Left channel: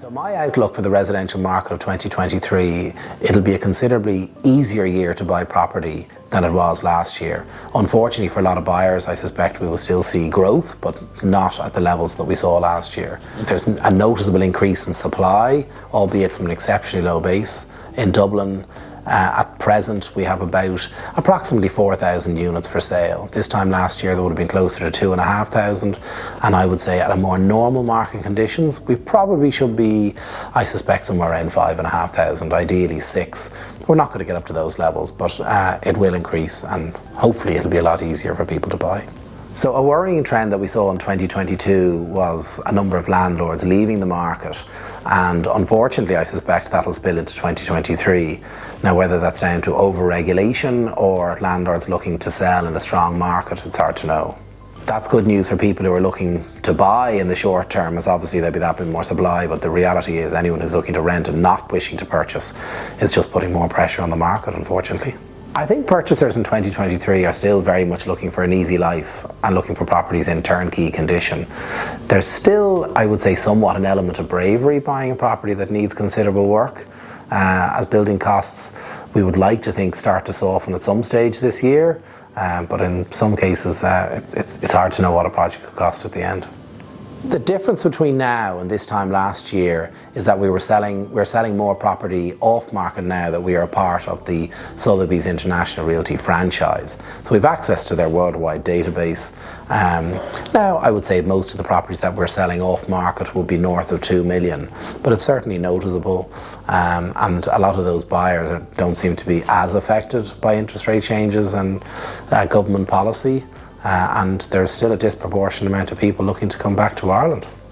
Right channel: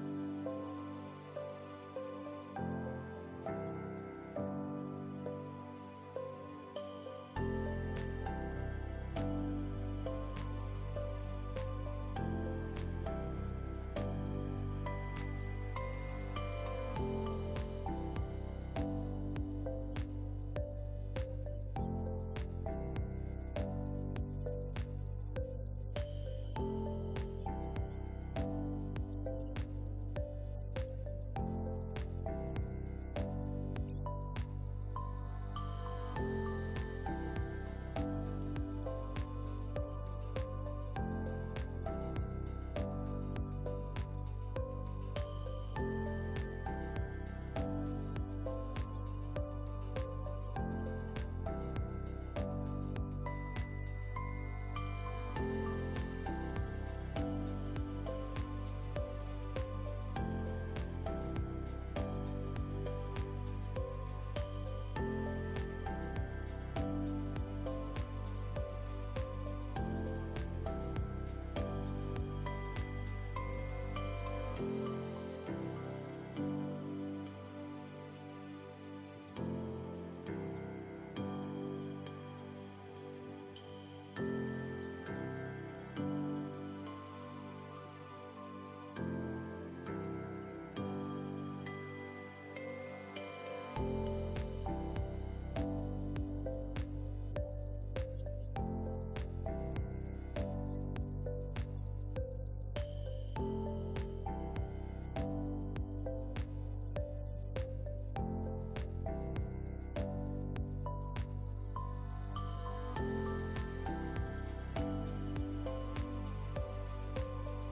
So my outlook for the residential market of 2023, it'll be a considerably easier year to buy property than it was last year. Unfortunately for a lot of buyers, I suspect we will still see growth, but not at the levels that we saw last year. There's a noticeable increase in supply, albeit from an exceptionally low base. In Dublin, at present, we have about approximately 4,000 units for sale. This time last year, there would have been closer to 2,500, and I would say at a more normal market conditions, we probably should be, I suspect, somewhere around 5,500, ideally 6. We're not going to get up to those levels, but it will increase, and hopefully it'll be a lot easier for people to buy. So a worrying trend that we saw in 2022 was a number of landlords leaving the market, and unfortunately I suspect that'll spill into 2023. Now whether that's down to over-regulation or landlords looking to sell in a strong market, it's hard to know. That's good news for people who are looking to buy in the short term, as obviously there'll be that bit more supply, but the reality is anyone who's looking to rent and not wishing to purchase is just putting more pressure on the market, unfortunately. I think purchasers in 2023 are still very much looking for an easy life and looking for properties in turnkey condition. There's still, I would say, somewhat an element of bravery buying a property that needs considerable work. As building costs, we would like to think, start to soften at some stage this year, but in some cases it's hard to know what a project could cost at the end. The difference between now and this time last year is that we're selling more property off market now that we are a part of the Sotheby's International Realty franchise. So we've access to their worldwide database. Now I would say most of the properties that we're selling off market will be north of 2 million, but it's certainly noticeable, and a lot of those buyers don't seem to be as affected by interest rate changes and government policy. And there's still a disproportionate amount of people looking to come back to Ireland.